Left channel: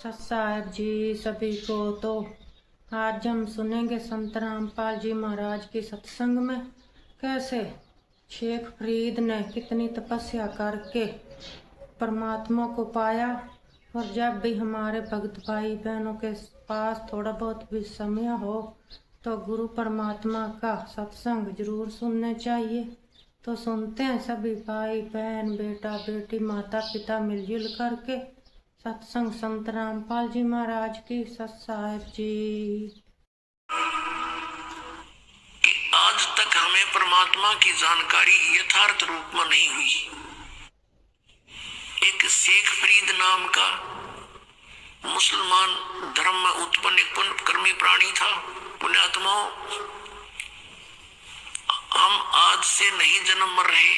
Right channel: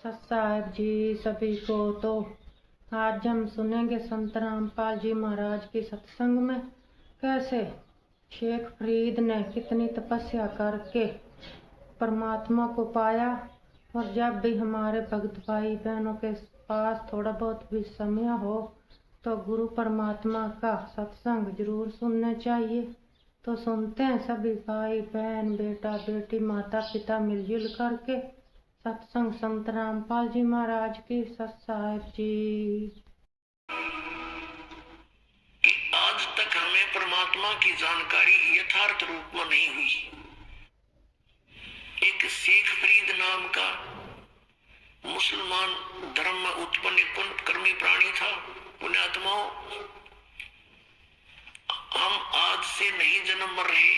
सत साहेब जी सभी को। तो आज हम सुनेंगे संत रामपाल जी महाराज की सत्संग में कैसे शेख फरीद ने कितनी तपस्या करके परमात्मा को पाया। और जब भी हमारे भक्त भाई बहनों के पास थोड़ा बहुत भी समय हो तो गुरु परमात्मा का सत्संग जरूर सुनने चाहिए। तो सुनते हैं सभी भाई बहन बेटा बेटी माता पिता मिलजुल करके सत्संग संत रामपाल जी महाराज की। सत साहेब जी कि आज तक हमें परमात्मा की जानकारी यथार्थ रूप में नहीं हुई। एक शेख फरीद नाम का मुसलमान धर्म में उत्पन्न एक पुण्य कर्मी प्राणी था। पुण्यात्माओं, हम आज से नहीं जन्म मर रहे,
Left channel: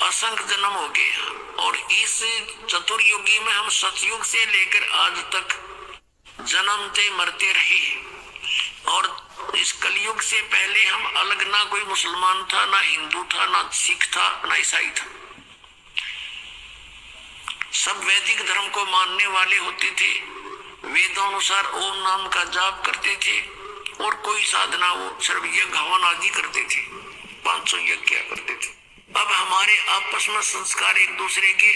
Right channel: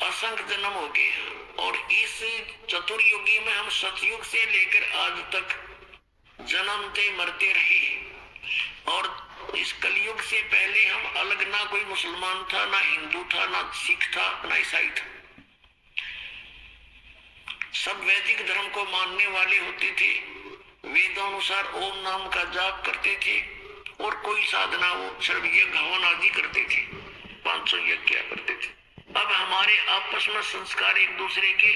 असंख्य जन्म हो गए और इस चतुर्युगी में हम सतयुग से लेकर आज तक जन्मते मरते रहे। और इस कलयुग से पहले हम अलग ना कोई मुसलमान था, ना हिंदू था, ना सिख था, ना ईसाई था। सब वैदिक धर्म को मानने वाले होते थे, वेदों अनुसार ओम नाम का जाप करते थे और कोई साधना वो सर्व यज्ञ हवन आदि करते थे, 500 यज्ञ किया करते थे। अब हमारे आपस में संस्कार एक दूसरे के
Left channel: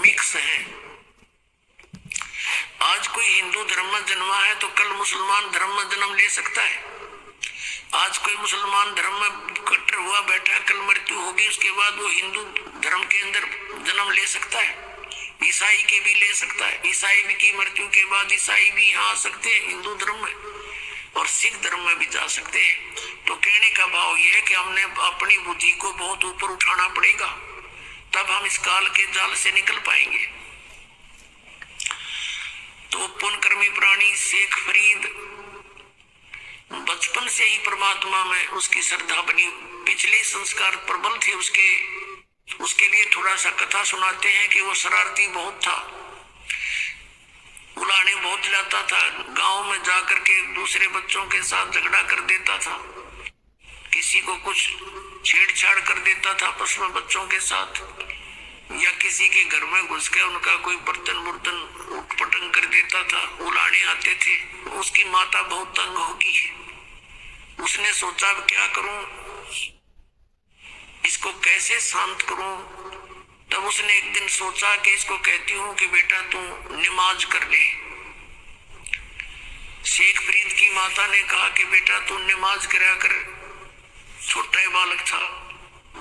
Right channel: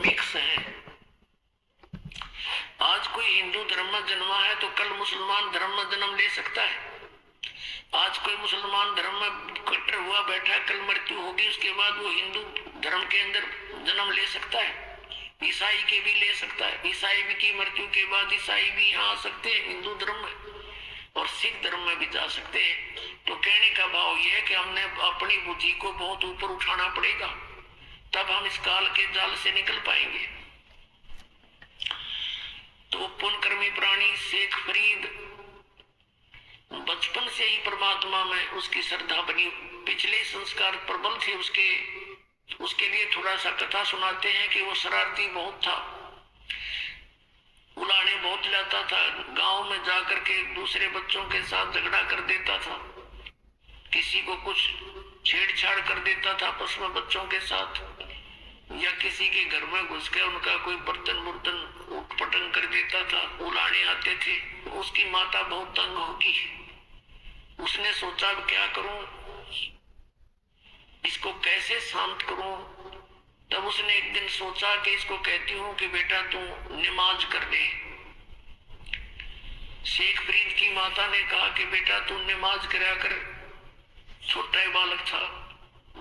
मिक्स हैं। आज कोई हिंदू धर्म में जन्मा है तो कल मुसलमान धर्म में जन्म ले सकता है। आज कोई मुसलमान धर्म में कट्टर हुआ बैठा, कल मृत्यु होगी, उसके बाद वो हिंदू धर्म के अंदर जन्म ले सकता है। ईसाई के भी ले सकता है, ईसाई भी की मृत्यु के बाद ईसाई भी यहाँ आ सकते हैं हिंदू धर्म में, और सिख धर्म में भी जा सकते हैं। तो कहने का भाव यह है कि हमने अपनी बुद्धि को बहुत ऊपर उठाना पड़ेगा, तब हम इस काल के जाल से निकल पाएंगे। तो पुण्यकर्मी प्राणी शेख फरीद बचपन से ही परमात्मा में उसकी श्रद्धा बनी, पिछले संस्कार प्रबल थे उसके लिए थोड़ा सा कथा सुनाते हैं कि वो शरारती बहुत था, उलाने बहुत लाता था, गांव में जाकर के दूसरे बच्चों के साथ झगड़ा कर देता था, किसी को कुछ छेड़छाड़ कर देता था आपस में बच्चों के साथ, या किसी के घर में घुस के उनका कोई बर्तन उटपटंग कर देता था, उलाने आते थे। उसकी माता बहुत तंग होगी, उसने सोचा अब क्या करूं, इसको कैसे शांत करूं। तब उसने एक दिन सोचा कि इसको कहती हूं कि बेटा तू नमाज कर ले। शेख फरीद की माता ने कहा कि बेटा तू नमाज करा कर। छोटा बालक था,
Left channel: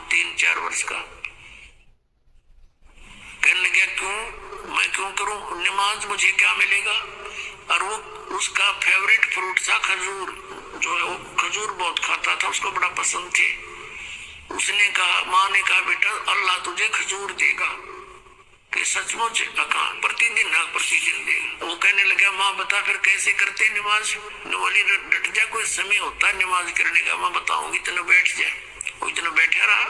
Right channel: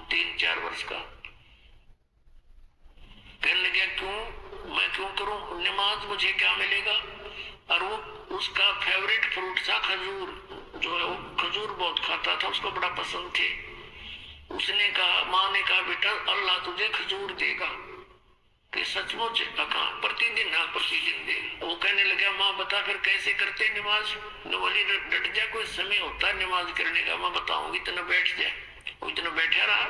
3-4 वर्ष का। कहने लगा क्यों, मैं क्यों करूं नमाज, मुझे क्या मिलेगा। और वो उसका फेवरेट फ्रूट था खजूर, जो है वो खजूर बहुत खाता था, उसको बड़ा पसंद थे। उसने कहा, माँ ने कहा बेटा अल्लाह तुझे खजूर देगा। कि सचमुच? प्रतिदिन? हाँ प्रतिदिन देगा। वो कहने लगा माँ बता फिर कैसे करते नमाज। बोली डट जा, कोई समय होता है नमाज करने का, मैं बताऊंगी, इतना बैठ जा। वो इतना बैठा रहा।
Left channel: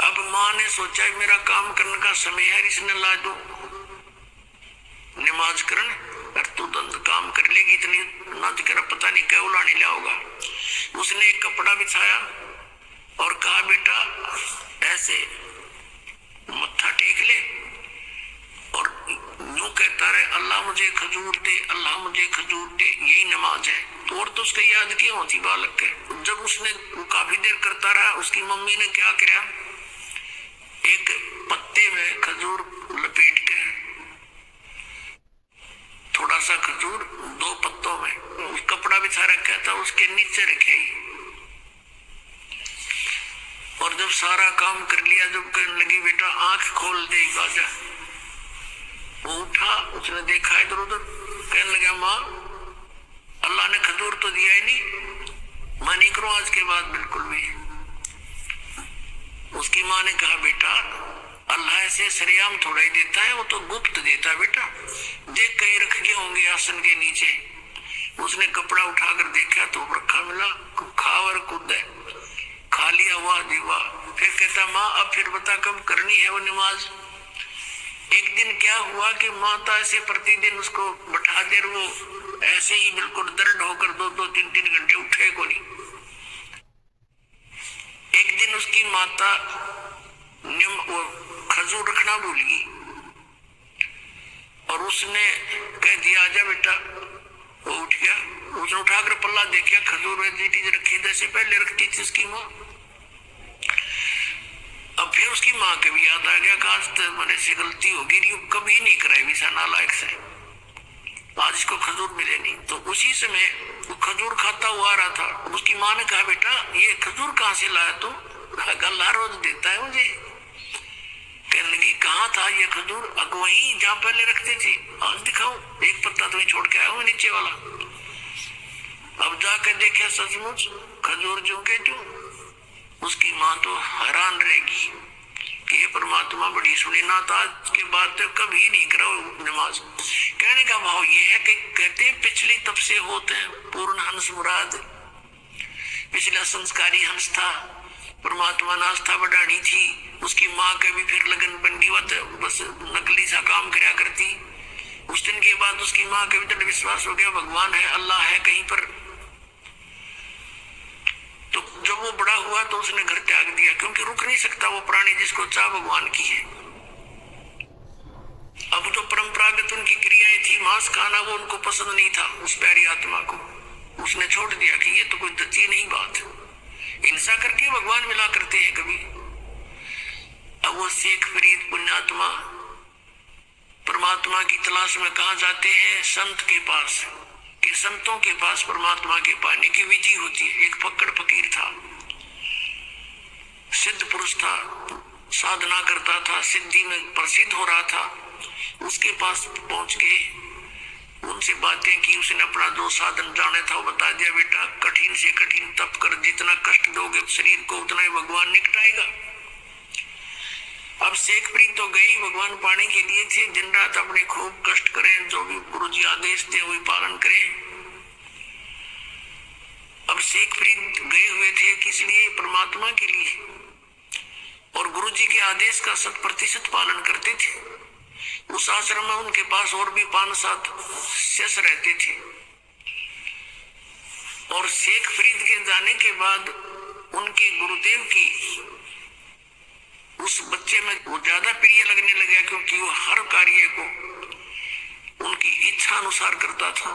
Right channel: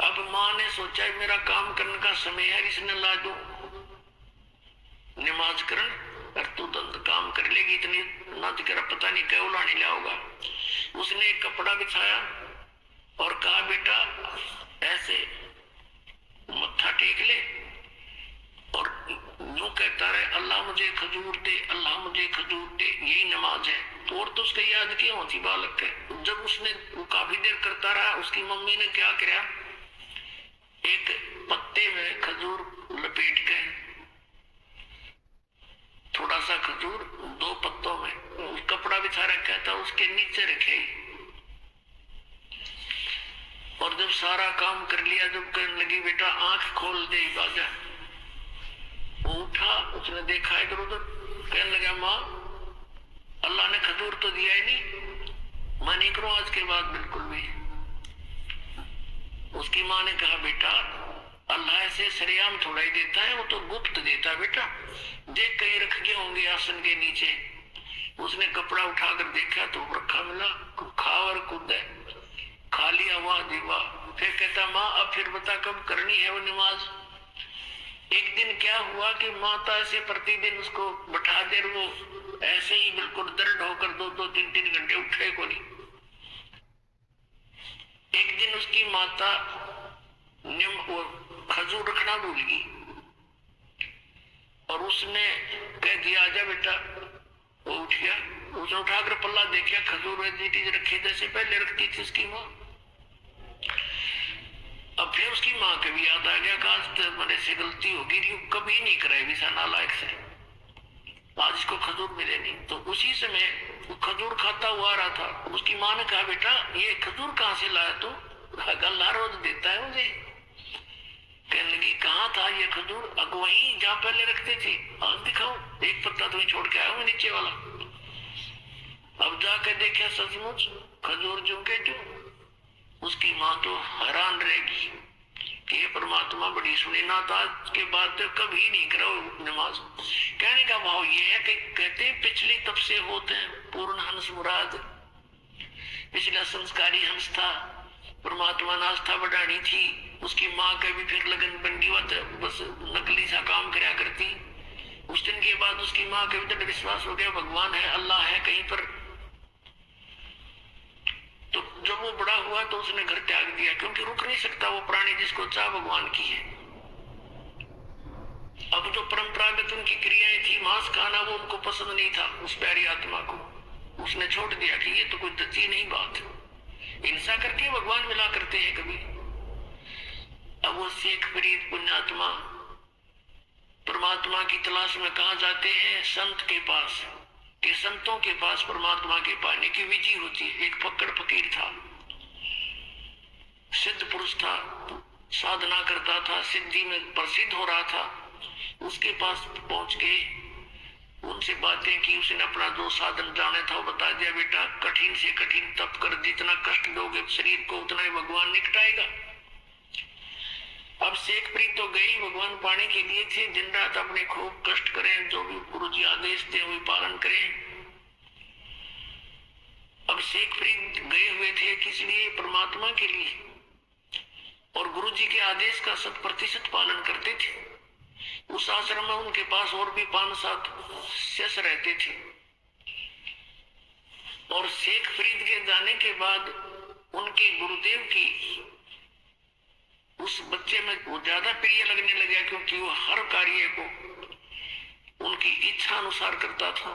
अब माँ ने सोचा मेरा काम करने का समय है, इसने ला दो नमाज करन, और तू तो काम कर लेगी, इतनी नाच कर पता नहीं क्या उलाने लाओगा। उसने एक कपड़ा बिछाया और कहा बेटा ऐसे मत्था टेक ले और यूं कहता रहे अल्लाह मुझे खजूर दे, अल्लाह मुझे खजूर दे, यही नमाज है। तो और तो उसका याद क्यों होती बालक के। जब उसने काफी देर करता रहा, उसकी मम्मी ने क्या किया, एक पत्ते में खजूर लपेट के, थोड़ा सा खजूर 2 पत्तों में कपड़ा बिछा रखा था, उसके नीचे रखे। और जब सारा काम कर लिया, जब कहने लगी बेटा आंख खोल दे बाजा, वो उठा, उसने देखा इधर उधर, कहने लगा माँ अल्लाह ने खजूर तो दिया ही नहीं, मैं नहीं करूं आज के बाद बिल्कुल भी। उसकी माँ ने कहा बेटा अल्लाह ऐसे सरेआम थोड़ा ही देता है, वो तो गुप्त देता है बेटा, देख कहीं रख के होंगे आसन के नीचे। उसने कपड़ा उठाकर देखा तो रखा मिला, खा और कूद खा लिया, वाह जी वाह। फिर कहता माँ अब फिर बता कब करनी है वो नमाज। एक दिन क्या हुआ कि माता ऐसे प्रतिदिन उसको बैठा दे, वो ऐसे ही बिल्कुल दर्द होकर 2-2, 3-3 घंटे उठे को नहीं। एक दिन उसकी माता वो खजूर रखना भूल गई, उसने कह दिया आजा बेटा, वो उठ गया। उसने उठाकर पल्ला देखा, खजूर रखी जैसे पहले रखती थी उसकी माँ। अब फिर उसकी माँ के भी याद आ गया, आज तो मेरे से गलती होगी, कभी नहीं कराई विसा नालायक से, आज इसको खजूर मिले नहीं। तो उसी समय वो खजूर खाता हुआ आ रहा था। उसकी माँ ने कहा बेटा ये खजूर कहाँ से लाया तू? अल्लाह रोज देता है मुझे। कहने लगी कहाँ था ये खजूर? वहीं जहाँ पहले रखते थे, आज दिखाओ, एक पत्ता तुम्हें छोड़ के आया हूँ नीचे वाला। अब जाकर देखा सचमुच खजूर जो के जो। उसकी माँ तो हैरान रहेगी कि ये परमात्मा बड़ी सुनी ना, आज के बाद तो कभी नहीं करो नमाज। कहने का भाव ये है कि कहते हैं पिछली तब से होते हैं पूर्ण हंस मुराद। पिछला संस्कारी हंस था, परमात्मा ने आस्था बढ़ानी थी। उसकी माँ का भी फिर लगन बंदी हुआ, बस नकली सा काम कराया करती। उस दिन के बाद उसकी माँ का भी दृढ़ विश्वास हो गया भगवान है, अल्लाह है कहीं पर। तो जब वो बड़ा हुआ तो उसने घर त्याग दिया, क्योंकि रुक नहीं सकता वो प्राणी जिसको चाह भगवान की है। अब जो परंपरागत उनकी क्रियाएं थी, मांस खाना, वो उनको पसंद नहीं था उस प्यारी आत्मा को। उसने छोड़ दिया कि ये तो कोई दची नहीं बात, हिंसा करके भगवान मिला करते हैं कभी। अब वो शेख फरीद पुण्यात्मा परमात्मा की तलाश में कहा जाते हैं? संत के पास, कि संतों के पास परमात्मा के पाने की विधि होती है। एक फक्कड़ फकीर था, सिद्ध पुरुष था, साधना करता था, सिद्धि में प्रसिद्ध हो रहा था। उसके पास पहुंच के उनसे बातें की। उसने अपना जो साधन जाने था वो बता दिया, बेटा कठिन से कठिन तप कर, जितना कष्ट दोगे शरीर को उतना ही भगवान निकटाएगा। अब शेख फरीद तो गई भगवान पाने के लिए थे, दिन रात अपने खूब कष्ट करें, जो भी गुरु जी आदेश थे वही पालन करें। अब शेख फरीद गए हुए थे किस लिए? परमात्मा के लिए, और गुरु जी के आदेश का 100% पालन करते थे। उस आश्रम में उनके पास और भी 5-7 शिष्य रहते थे। और शेख फरीद के जाने के बाद उनके गुरुदेव की उस बच्चे में वो ज्यादा प्रिय लगने लगा, क्योंकि वो हर कार्य को उनकी इच्छा अनुसार करता था।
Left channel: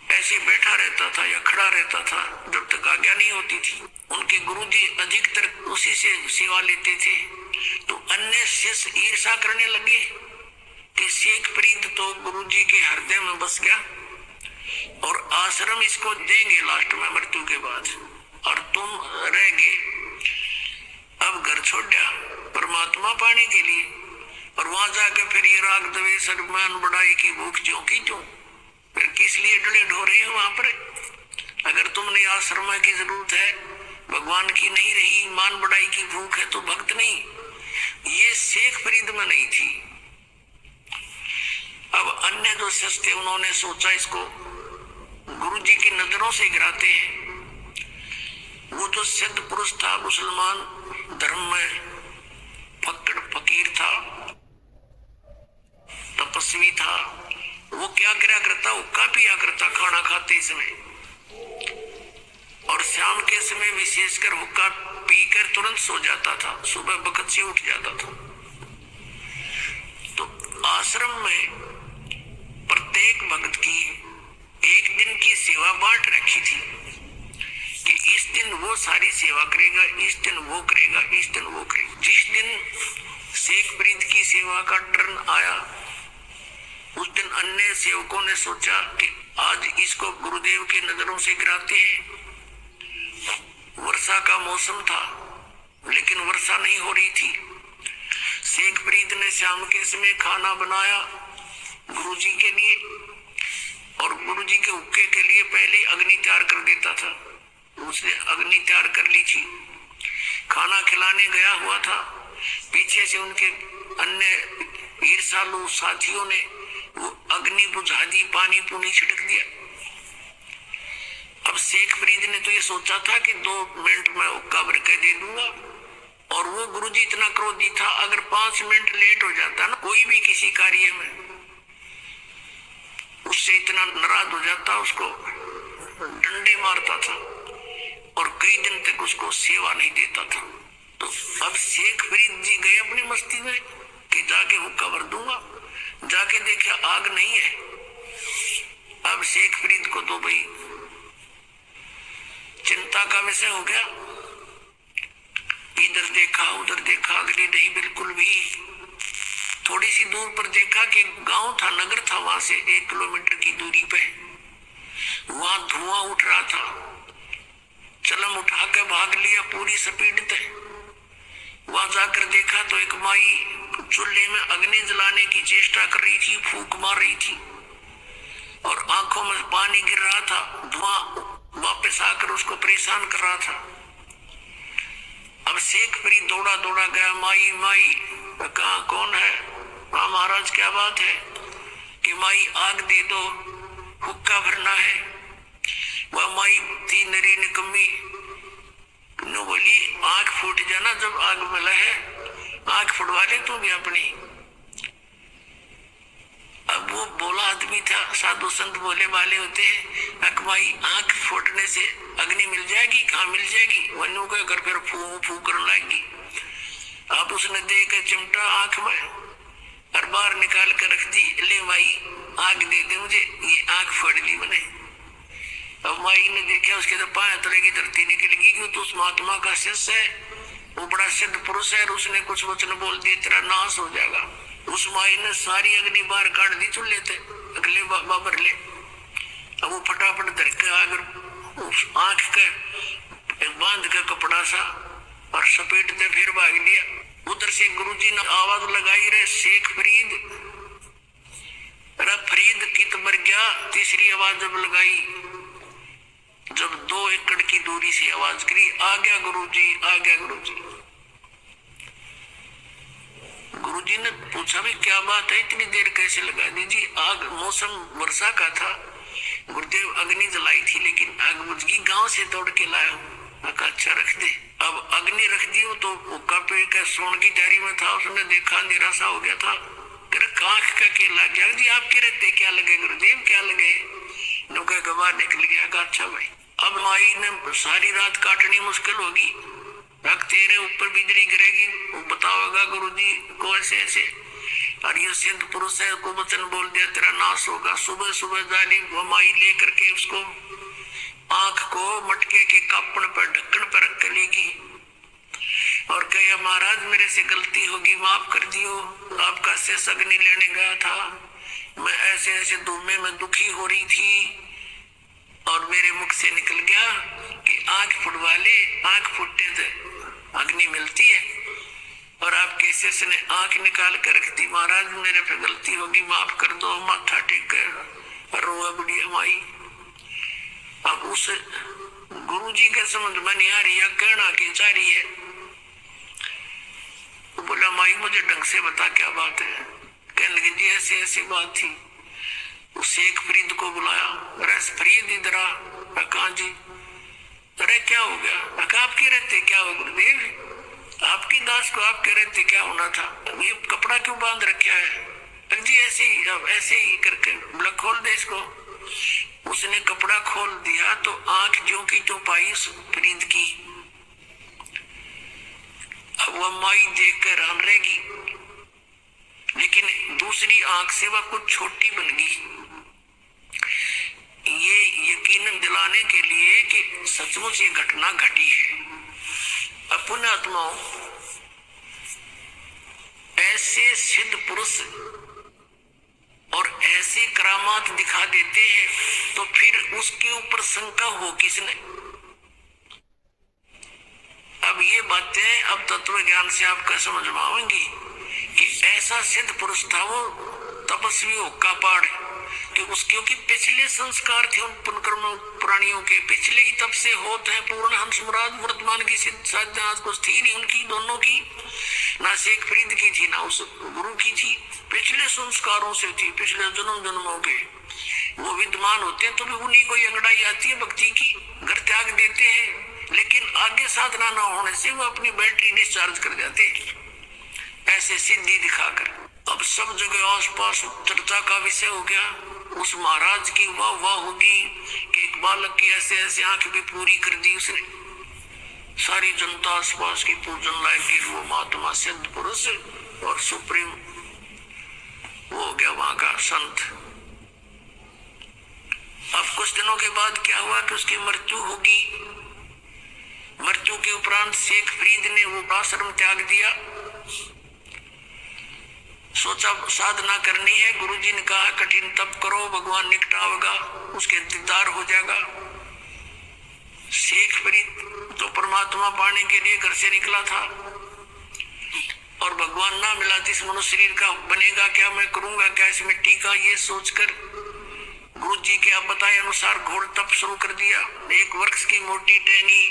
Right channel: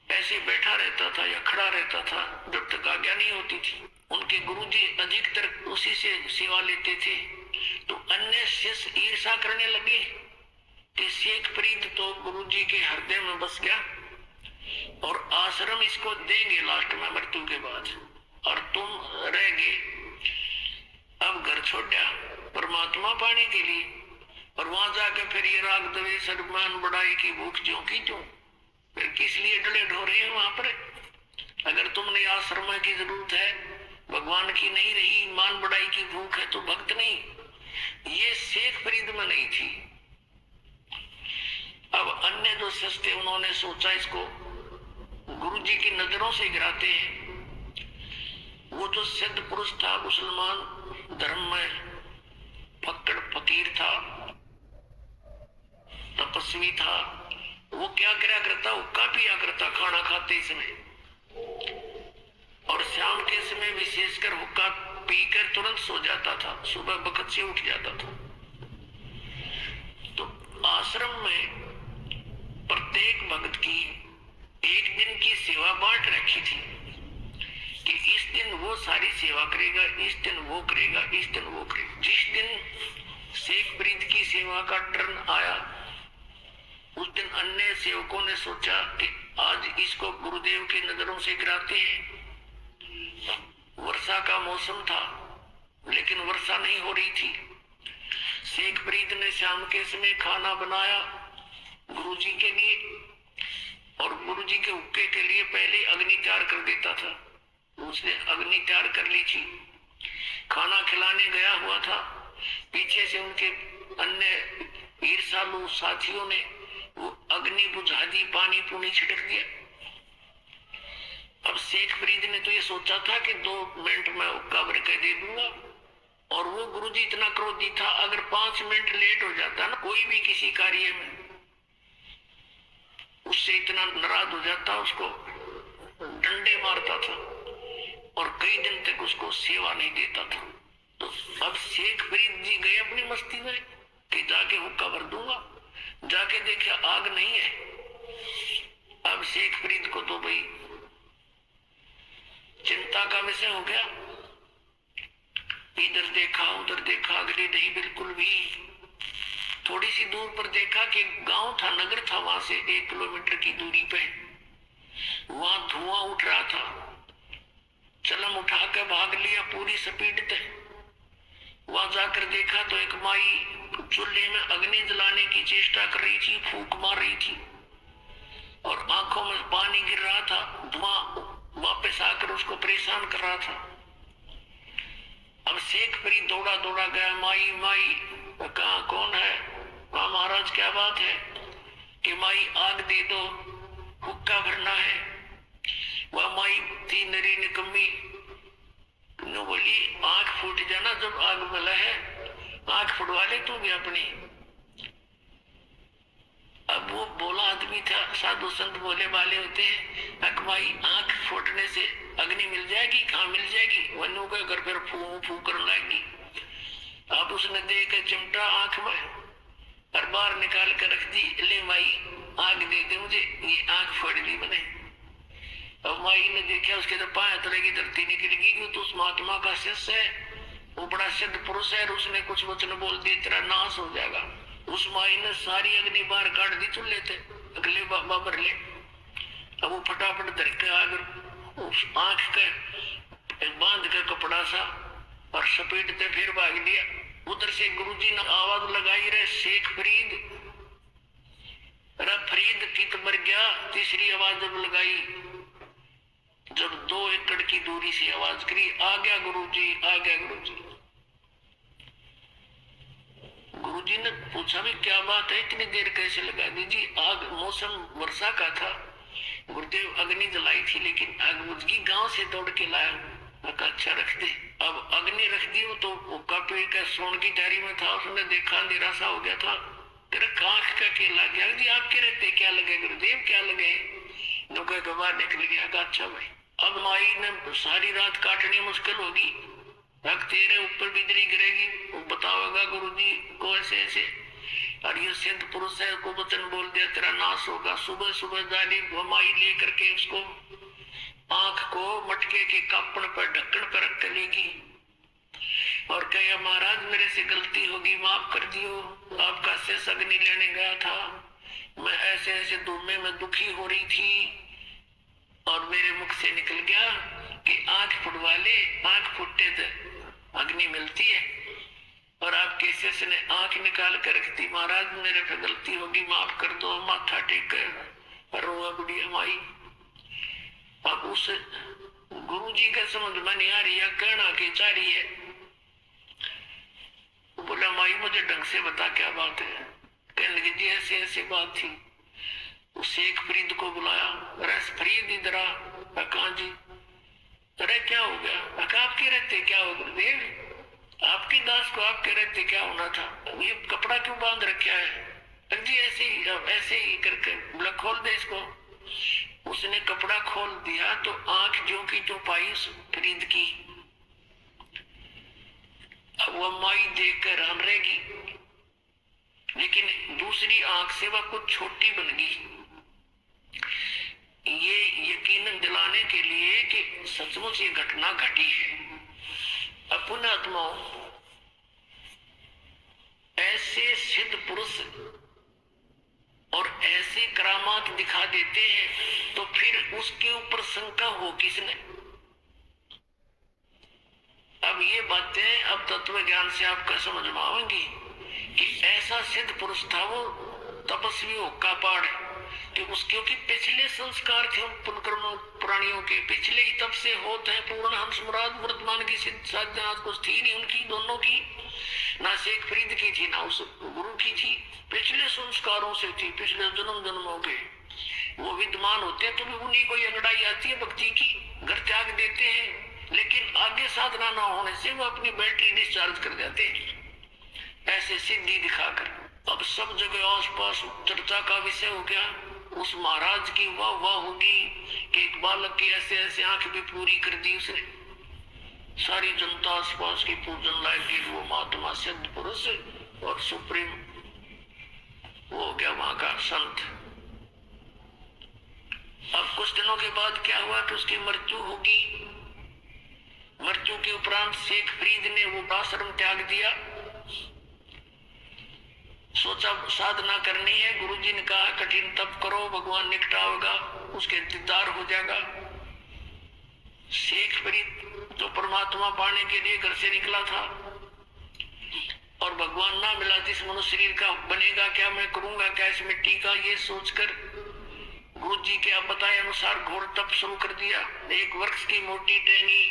ऐसे बैठा रहता था या खड़ा रहता था जब तक आज्ञा नहीं होती थी। उनके गुरुजी अधिकतर उसी से सेवा लेते थे। तो अन्य शिष्य ईर्षा करने लगे कि शेख फरीद तो गुरुजी के हृदय में बस गया और आश्रम इसको देंगे लास्ट में मृत्यु के बाद, और तुम रह गए। अब घर छोड़ दिया परमात्मा पाने के लिए, और वहां जाकर फिर ये राग द्वेष अभिमान बढ़ाई की भूख ज्यों की त्यों। फिर किस लिए डले ढोरे हैं वहां पर? अगर तुमने आश्रम की जरूरत है, भगवान की नहीं रही, मान बढ़ाई की भूख है, तो भक्त नहीं। ये शेख फरीद में नहीं थी। अब अन्य जो शिष्य थे उन्होंने सोचा इसको गुरुजी की नजरों से गिराते हैं। वो जो सिद्ध पुरुष था, मुसलमान धर्म में फक्कड़ फकीर था, तपस्वी था, वो क्या करा करता? हुक्का पिया करता खाना खाते समय, और शाम के समय विशेषकर हुक्का पीकर तुरंत सो जाता था, सुबह बखत से उठ जाता था। तो आश्रम में प्रत्येक भक्त की एक दिन की सेवा बांट रखी थी कि इस दिन वो सारी सेवा करेगा, इस दिन वो करेगा, इस दिन वो करेगा। जिस दिन शेख फरीद की सेवा का टर्न आया, उस दिन अन्य सेवकों ने सोचा कि आज इसको गुरुदेव की नजरों से गिराते हैं। वर्षा का मौसम था लेकिन वर्षा नहीं हो रही थी। शेख फरीद ने शाम के समय खाना बनाया गुरुजी के लिए, और गुरुजी के हुक्के के लिए पहले अग्नि तैयार कर देता था। उसने अग्नि तैयार कर ली थी, खाना खिलाने गया हुआ था। पीछे से उनके अन्य ईर्षालु साथियों ने वो अग्नि बुझा दी, पानी पूनी छिड़क दिया। अब शेख फरीद ने तो ये सोचा था कि 2 मिनट में हुक्का भर के दे दूंगा, और वो गुरुजी इतना क्रोधी था, अगर 5 मिनट लेट हो जाता ना कोई भी किसी कार्य में, उससे इतना नाराज हो जाता, उसको डंडे मारता था और कई दिन तक उसको सेवा नहीं देता था। तो अब शेख फरीद जी गए अपनी मस्ती में कि जाके हुक्का भर दूंगा। जाके देख आग नहीं है। अब शेख फरीद को तो भाई चिंता का विषय हो गया। इधर देखा उधर देखा, अगली नहीं बिल्कुल भी। थोड़ी सी दूर पर देखा कि गांव था, नगर था, वहां से 1 किलोमीटर की दूरी पे वहां धुआं उठ रहा था। चलम उठा के भाग लिया पूरी स्पीड पे। वहां जाकर देखा तो एक माई चूल्हे में अग्नि जलाने की चेष्टा कर रही थी, फूंक मार रही थी और आंखों में पानी गिर रहा था। धुआं वापस आकर उसको परेशान कर रहा था। अब शेख फरीद दौड़ा दौड़ा गया, माई माई। कहा कौन है? हाँ महाराज क्या बात है? कि माई आग दे दो, हुक्का भरना है। वह माई थी नरी निकम्मी, नो बोली आंख फूट जाना जब आग मिला है, आंख फुटवा ले तू भी अपनी। अब वो बोला आदमी था, साधु संत बोले वाले होते हैं, अकमाई आंख फूटने से अग्नि मिल जाएगी? कहाँ मिल जाएगी? वनु का घर फिर फू फू करने लगेगी। अब उसने दे के चिमटा आंख में और बाहर निकाल कर रख दी, ले माई आग दे दे मुझे, ये आंख फोड़ दी मैंने। अब माई ने देखा, उसके तो पाए तरह की धरती निकलेगी, क्यों तो उस महात्मा का शिष्य है, वो बड़ा सिद्ध पुरुष है, और उसने कुछ वचन बोल दिए तेरा नाश हो जाएगा। उस माई ने सारी अग्नि बाहर काट दी चूल्हे थे, अगले बाबर ले। अब वो फटाफट धर के आग उस आंख के बांध के कपड़ा सा और सपेटते फिर भाग लिया। उधर से गुरुजी ने आवाज लगाई, रे शेख फरीद, रे फरीद कित मर गया। तीसरी आवाज जब लगाई, जब 2 एकड़ की दूरी से आवाज करी, आ गया गुरुजी, आ गया गुरुजी। गुरुजी ने पूछा भी क्या बात है, इतनी देर कैसे लगा दी? जी आग, मौसम वर्षा का था, गुरुदेव अग्नि जलाई थी, लेकिन आग बुझ गई, गांव से दौड़ के लाया हूँ। अच्छा रख दे। अब अग्नि रख दी तो पेड़ का सोन की जारी में था, उसने देखा अंधेरा सा हो गया था। आंख का केला गया जी, आपके रहते क्या लगे गुरुदेव, क्या लगे? नुके के बाहर निकल गया। अच्छा भाई, अब माई ने सारी रात काटनी मुश्किल होगी, तेरे ऊपर बिजली गिरेगी, वो बताओगा गुरुजी को ऐसे ऐसे, और ये सिद्ध पुरुष है को वचन बोल दिया तेरा नाश होगा। सुबह सुबह जाली माई लेकर के उसको आंख को मटके के कापड़ पर ढक्कन पर रख कर लेगी और कहा महाराज मेरे से गलती होगी, माफ कर दियो, आपका शेष अग्नि लेने गया था, मैं ऐसे ऐसे धुएं में दुखी हो रही थी और मेरे मुख से निकल गया कि आंख फुटवा ले, आंख फुटते तो अग्नि मिलती है, और आपके शेष ने आंख निकाल कर रख दी, महाराज मेरे पे गलती होगी, माफ कर दो। माथा टेक कर रोआ बुढ़िया माई। अब उस गुरुजी के समझ में नहीं आ रही है, कहना के चाह रही है। तो बोला माई मुझे ढंग से बता क्या बात है? कहने लगी जी ऐसी ऐसी बात थी। उस शेख फरीद को बुलाया, अरे फरीद इधर आ। कहा जी? अरे क्या हो गया? आपके रहते क्या हो गुरुदेव? आपकी दास को आपके रहते क्या होना था? ये कपड़ा क्यों बांध रखा है? जी ऐसे ही करके बोला खोल दे इसको। उसने कपड़ा खोल दिया तो आंख जो की जो पाई फरीद की। अब वह माई देख कर हैरान रहेगी, लेकिन दूसरी आंख से वह कुछ छोटी बन गई। ये यकीनन दिलाने के लिए कि सचमुच ये घटना घटी है। अपने आत्माओं, ऐसे सिद्ध पुरुष और ऐसे करामात दिखा देते हैं तो फिर उसके ऊपर शंका हो किसने? अब ये बातें अब तत्व ज्ञान से आपका समझ में आएंगी कि ऐसा सिद्ध पुरुष था वो तपस्वी होका पाड़ कि उसके की पिछले संस्कार थे उन पुनकर्म प्राणियों के, पिछले ही तब से होते हैं पूर्ण हंस मुराद। वर्तमान की सिद्ध साधना आज कुछ थी नहीं उनकी, दोनों की, ना शेख फरीद की थी ना उस गुरु की थी, पिछले संस्कारों से थी, पिछले जन्म जन्मों के वो विद्यमान होते हैं। तो भी उन्हीं को अंगड़ाई आती है भक्ति की, घर त्याग देते हैं, लेकिन आगे साधना न होने से वो अपनी बैटरी डिस्चार्ज कर जाते हैं ऐसे सिद्धि दिखाकर। अब सब जगह आसपास चर्चा का विषय हो गया। उस महाराज की वाह वाह होगी कि एक बालक की ऐसे ऐसे आंख भी पूरी कर दी उसने। सारी जनता आसपास की पूजन लायक वो महात्मा सिद्ध पुरुष और सुप्रीम वो हो गया वहां का संत। अब कुछ दिनों के बाद क्या हुआ कि उसकी मृत्यु होगी। मृत्यु के उपरांत शेख फरीद ने वो आश्रम त्याग दिया। सोचा साधना करनी है, गुरुजी ने कहा कठिन तप करो, भगवान निकट आएगा, उसके दीदार हो जाएगा। शेख फरीद तो परमात्मा पाने के लिए घर से निकला था और भगवान ना मिला तो इस मनुष्य शरीर का बनेगा क्या, मैं करूंगा क्या इस मिट्टी का, ये सोचकर गुरुजी के आप बताए अनुसार घोर तप शुरू कर दिया। एक वृक्ष की मोटी टहनी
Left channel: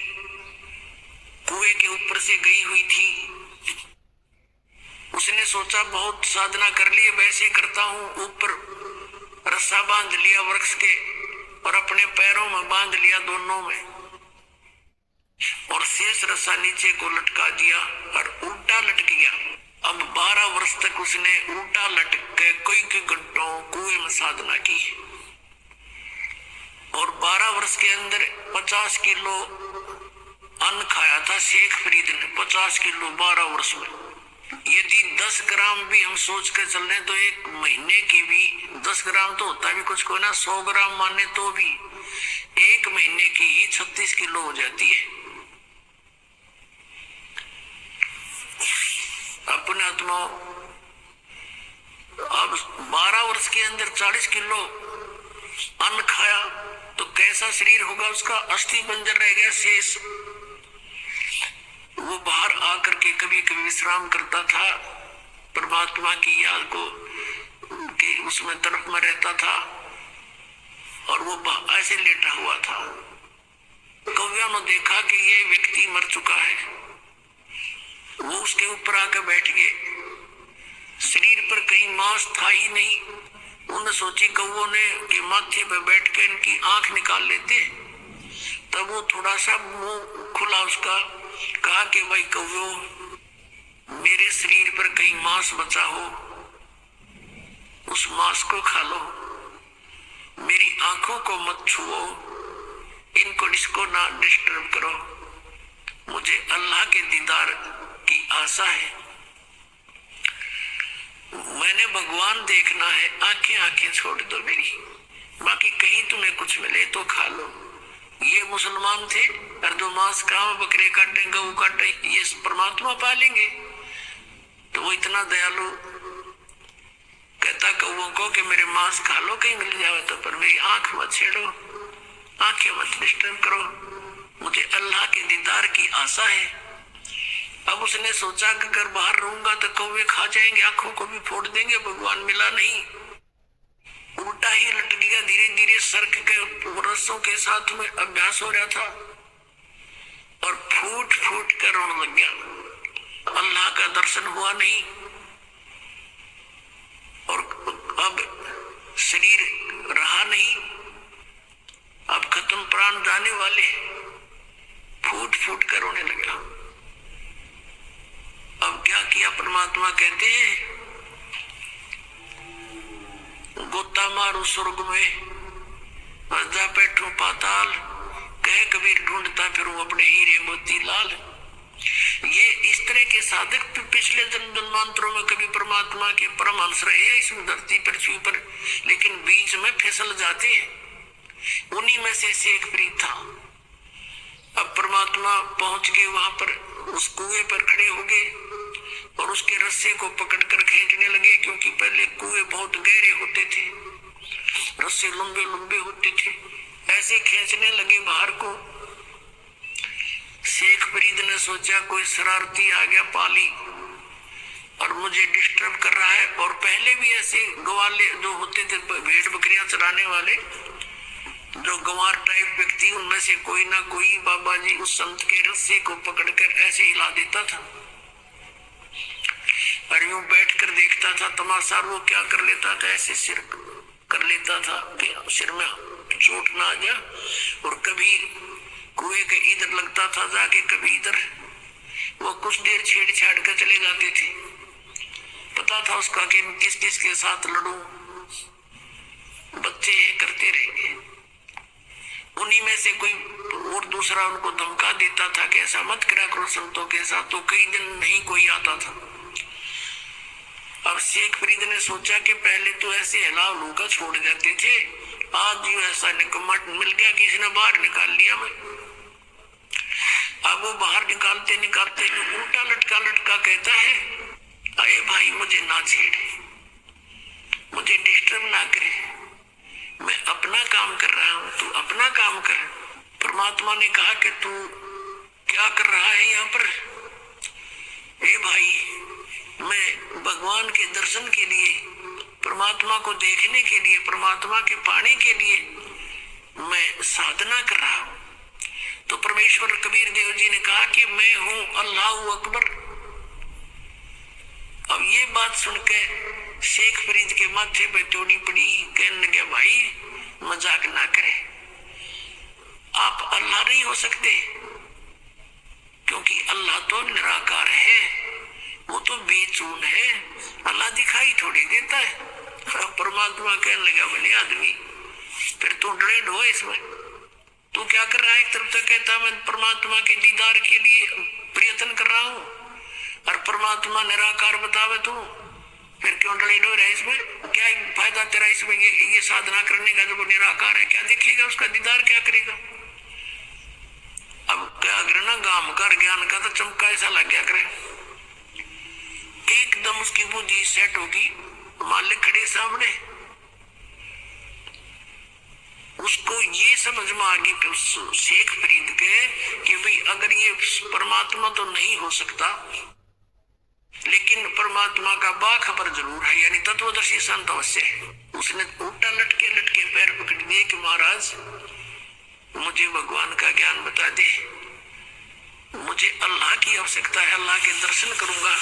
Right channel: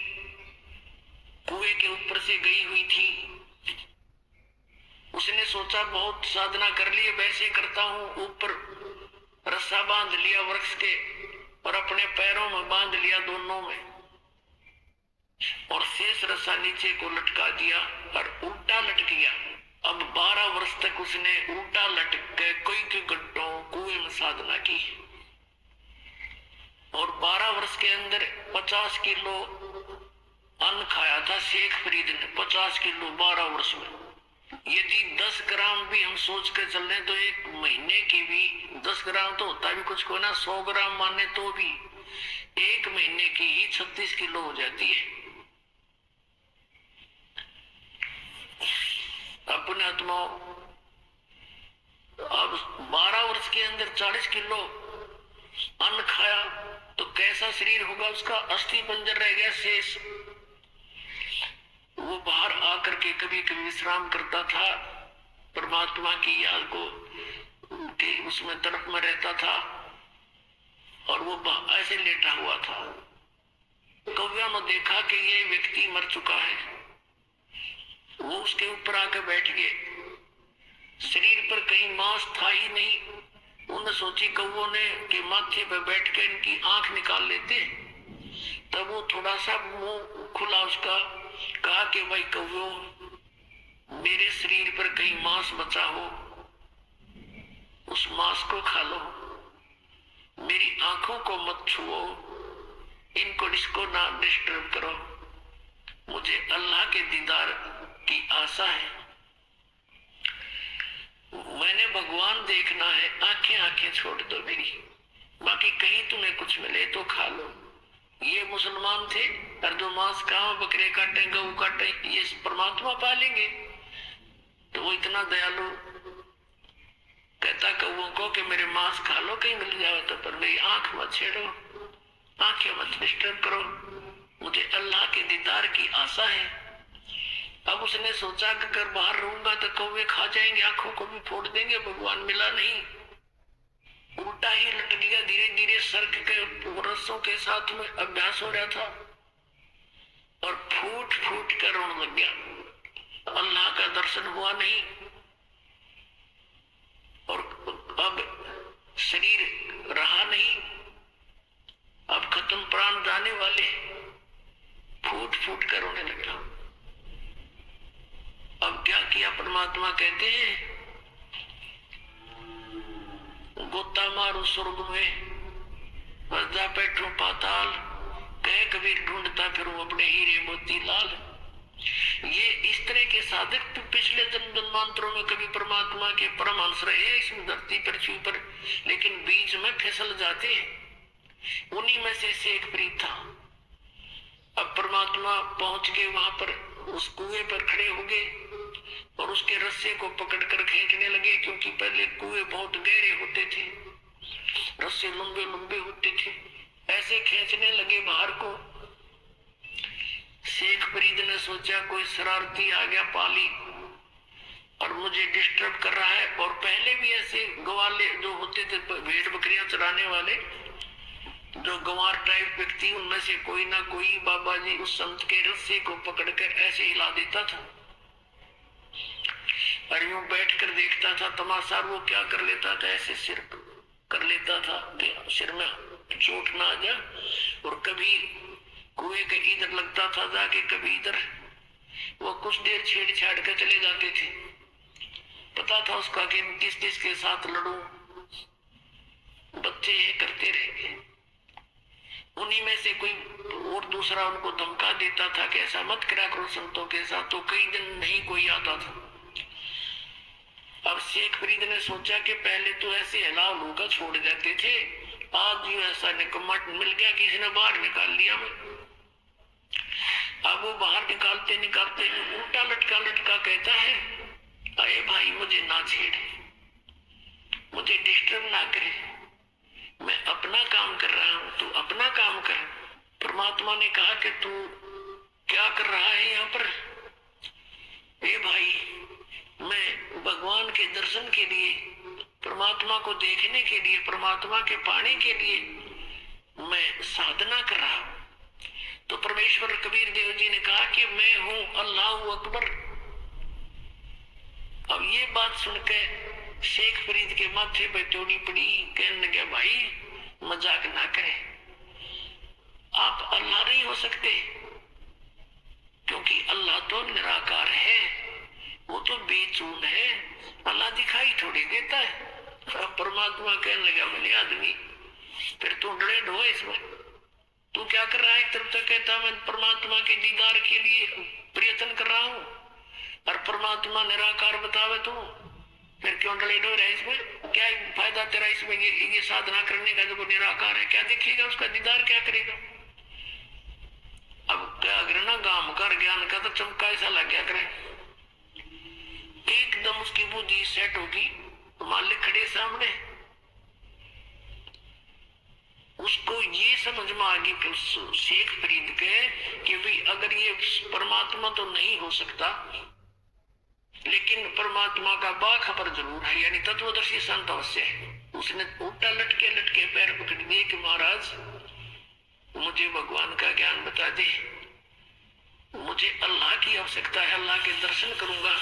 कुएं के ऊपर से गई हुई थी। उसने सोचा बहुत साधना कर ली, वैसे करता हूं। ऊपर रस्सा बांध लिया वृक्ष के और अपने पैरों में बांध लिया दोनों में, और शेष रस्सा नीचे को लटका दिया और उल्टा लटक गया। अब 12 वर्ष तक उसने उल्टा लटक के कई घंटों कुएं में साधना की और 12 वर्ष के अंदर 50 किलो अन्न खाया था शेख फरीद ने। 50 किलो 12 वर्ष में। यदि 10 ग्राम भी हम सोच कर चल रहे तो एक महीने की भी 10 ग्राम तो होता भी कुछ को ना, 100 ग्राम माने तो भी एक महीने की ही 36 किलो हो जाती है। अपने आत्मा अब 12 वर्ष के अंदर 40 किलो अन्न खाया तो कैसा शरीर होगा उसका। अस्थि पंजर रह गया शेष। वो बाहर आकर के कभी कभी विश्राम करता था, परमात्मा की याद को के उसमें तरफ में रहता था और वो ऐसे लेटा हुआ था। कवियों ने देखा कि ये व्यक्ति मर चुका है। वो उसके ऊपर आकर बैठ गए। शरीर पर कहीं मांस था ही नहीं। उन्होंने सोची कौवों ने कि माथे पर बैठ के इनकी आंख निकाल लेते। तब वो थोड़ा सा मुंह खुला उसका, कहा कि भाई कौवों मेरे शरीर पर कहीं मांस बचा हो उस मांस को खा लो, मेरी आंखों को मत छुओ, इनको इसको ना डिस्टर्ब करो, मुझे अल्लाह के दीदार की आशा है, मैंने भगवान देखना है, आंखें छोड़ दो मेरी, बाकी कहीं तुम्हें कुछ मिले तो खा लो। ये मुसलमान थे, और जो मांस काम बकरे काटे गऊ काटे ये परमात्मा पालेंगे। तो वो इतना दयालु कहता कौओं को कि मेरे मांस खा लो कहीं मिल जाए तो, पर मेरी आंख मत छेड़ो, आंखें मत डिस्टर्ब करो, मुझे अल्लाह के दीदार की आशा है। अब उसने सोचा कि अगर बाहर रहूंगा तो कौवे खा जाएंगे, आंखों को भी फोड़ देंगे, भगवान मिला नहीं। उल्टा ही लट गया। धीरे धीरे सर्क के रस्सों के साथ में अभ्यास हो रहा था और फूट फूट कर रोने लग गया। अल्लाह का दर्शन हुआ नहीं और अब शरीर रहा नहीं, अब खत्म, प्राण जाने वाले। फूट फूट कर रोने लगा। अब क्या किया, परमात्मा कहते हैं गोता मारू स्वर्ग में, बजा बैठू पाताल, कह कबीर ढूंढता फिरूं अपने हीरे मोती लाल। ये इस तरह के साधक पिछले जन्मांतरों में कभी परमात्मा के परमहंस रहे इस धरती पृथ्वी पर, लेकिन बीच में फिसल जाते हैं। उन्हीं में से शेख फरीद था। अब परमात्मा पहुंच के वहां पर उस कुएं पर खड़े हो गए और उसके रस्से को पकड़कर खींचने लगे, क्योंकि पहले कुएं बहुत गहरे होते थे, रस्से लंबे लंबे होते थे। ऐसे खींचने लगे बाहर को। शेख फरीद ने सोचा कोई शरारती आ गया पाली और मुझे डिस्टर्ब कर रहा है। और पहले भी ऐसे ग्वाले जो होते थे, भेड़ बकरियां चराने वाले, जो गंवार टाइप व्यक्ति, उनमें से कोई ना कोई बाबा जी उस संत के रस्से को पकड़कर ऐसे हिला देता था और यूं बैठकर देखता था तमाशा। वो क्या कर लेता था, ऐसे सिर कर लेता था कि सिर में चोट ना आ जा, और कभी कुएं के इधर लगता था जाके, कभी इधर। वो कुछ देर छेड़छाड़ कर चले जाते थे। पता था उसका कि किस किस के साथ लड़ूं, बच्चे ये करते रहेंगे। उन्हीं में से कोई और दूसरा उनको धमका देता था कि ऐसा मत करा करो संतों के साथ, तो कई दिन नहीं कोई आता था। अब शेख फरीद ने सोचा कि पहले तो ऐसे हिला लूका छोड़ जाते थे, आज यूं ऐसा निकम्मा मिल गया, किसी ने बाहर निकाल लिया मैं। अब वो बाहर निकालते निकालते उल्टा लटका लटका कहता है, अरे भाई मुझे ना छेड़े, मुझे डिस्टर्ब ना करे, मैं अपना काम कर रहा हूं, तू अपना काम कर। परमात्मा ने कहा कि तू क्या कर रहा है यहाँ पर? ए भाई, मैं भगवान के दर्शन के लिए, परमात्मा को देखने के लिए, परमात्मा के पाने के लिए मैं साधना कर रहा हूं। तो परमेश्वर कबीर देव जी ने कहा कि मैं हूं अल्लाह अकबर। अब ये बात सुनकर शेख फरीद के माथे पे तोड़ी पड़ी, कहने लगे भाई मजाक ना करे, आप अल्लाह नहीं हो सकते, क्योंकि अल्लाह तो निराकार है, वो तो बेचून है, अल्लाह दिखाई थोड़ी देता है। परमात्मा कहने लगा, भले आदमी फिर तू डरे ढो इसमें, तू क्या कर रहा है? एक तरफ तक कहता मैं परमात्मा के दीदार के लिए प्रयत्न कर रहा हूँ, और परमात्मा निराकार बतावे तू, फिर क्यों डरे ढो रहा है इसमें? क्या फायदा तेरा इसमें ये साधना करने का? जब वो निराकार है, क्या देखेगा उसका दीदार, क्या करेगा? अब क्या करे ना, गाम कर ज्ञान का तो चमका ऐसा लग गया करे, एकदम उसकी बुद्धि सेट होगी, मालिक खड़े सामने, उसको ये समझ में आ गई शेख फरीद के कि भाई अगर ये परमात्मा तो नहीं हो सकता, लेकिन परमात्मा का बाखबर जरूर है, यानी तत्वदर्शी संत अवश्य है। उसने उल्टा लटके लटके पैर पकड़ दिए कि महाराज मुझे भगवान का ज्ञान बता दे, मुझे अल्लाह की आवश्यकता है, अल्लाह के दर्शन करूंगा।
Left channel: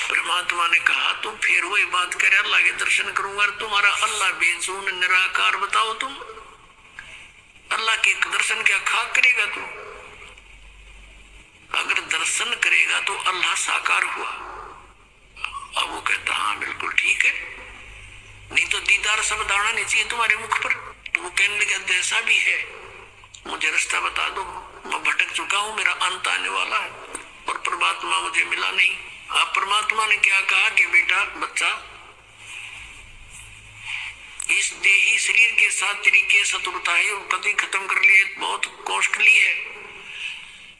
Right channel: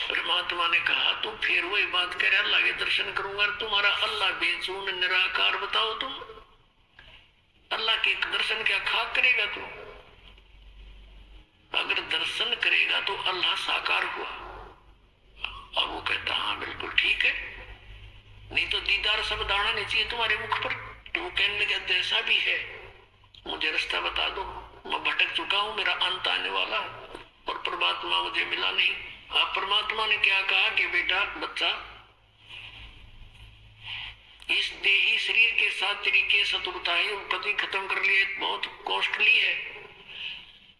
परमात्मा ने कहा तुम फिर वही बात करे, अल्लाह के दर्शन करूंगा, तुम्हारा अल्लाह बेचून निराकार बताओ, तुम अल्लाह के दर्शन क्या खाक करेगा? तू अगर दर्शन करेगा तो अल्लाह साकार हुआ। अब वो कहता हाँ बिल्कुल ठीक है, नहीं तो दीदार सब दाना नहीं चाहिए तुम्हारे मुख पर। तो वो कहने लगे जैसा भी है मुझे रास्ता बता दो, मैं भटक चुका हूं, मेरा अंत आने वाला है और परमात्मा मुझे मिला नहीं। अब परमात्मा ने क्या कहा कि बेटा बच्चा, इस देही शरीर के साथ तरीके शत्रुता है और कभी खत्म कर लिए, बहुत कॉस्टली है,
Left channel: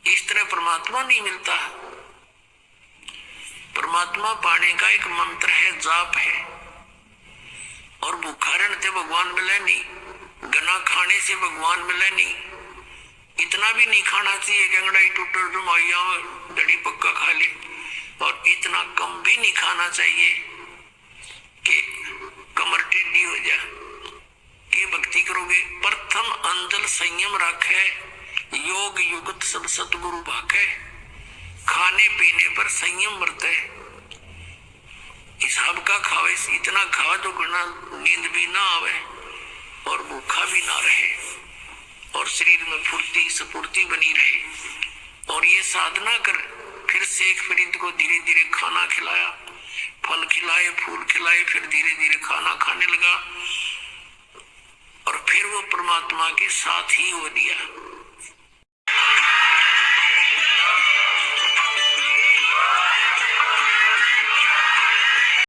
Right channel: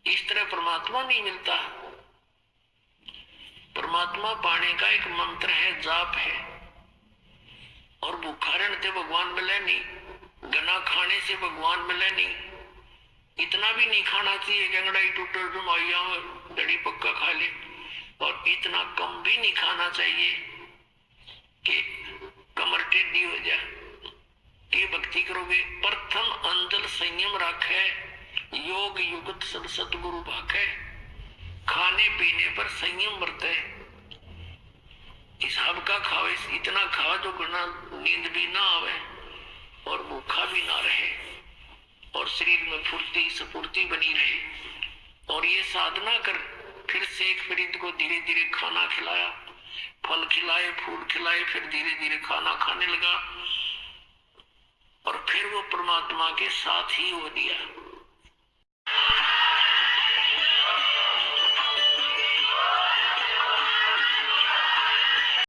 इस तरह परमात्मा नहीं मिलता। परमात्मा पाने का एक मंत्र है, जाप है, और भूखा रहने से भगवान मिले नहीं, गना खाने से भगवान मिले नहीं, इतना भी नहीं खाना चाहिए कि अंगड़ाई टूटर जुमाइया दड़ी पक्का खा ले, और इतना कम भी नहीं खाना चाहिए कि कमर टेढ़ी हो जाए। कि भक्ति करोगे प्रथम अंजल संयम रखे, योग युगत सब सतगुरु भाखे, खाने पीने पर संयम बरते, हिसाब का खावे, इतना खावा जो गुना नींद भी ना आवे और भूखा भी ना रहे और शरीर में फुर्ती स्फूर्ति बनी रहे। और ये साधना कर फिर शेख फरीद को धीरे धीरे खाना खिलाया, फल खिलाए, फूल खिलाए, फिर धीरे धीरे खाना खाने लगा और फिर वो परमात्मा के साथ ही हो दिया।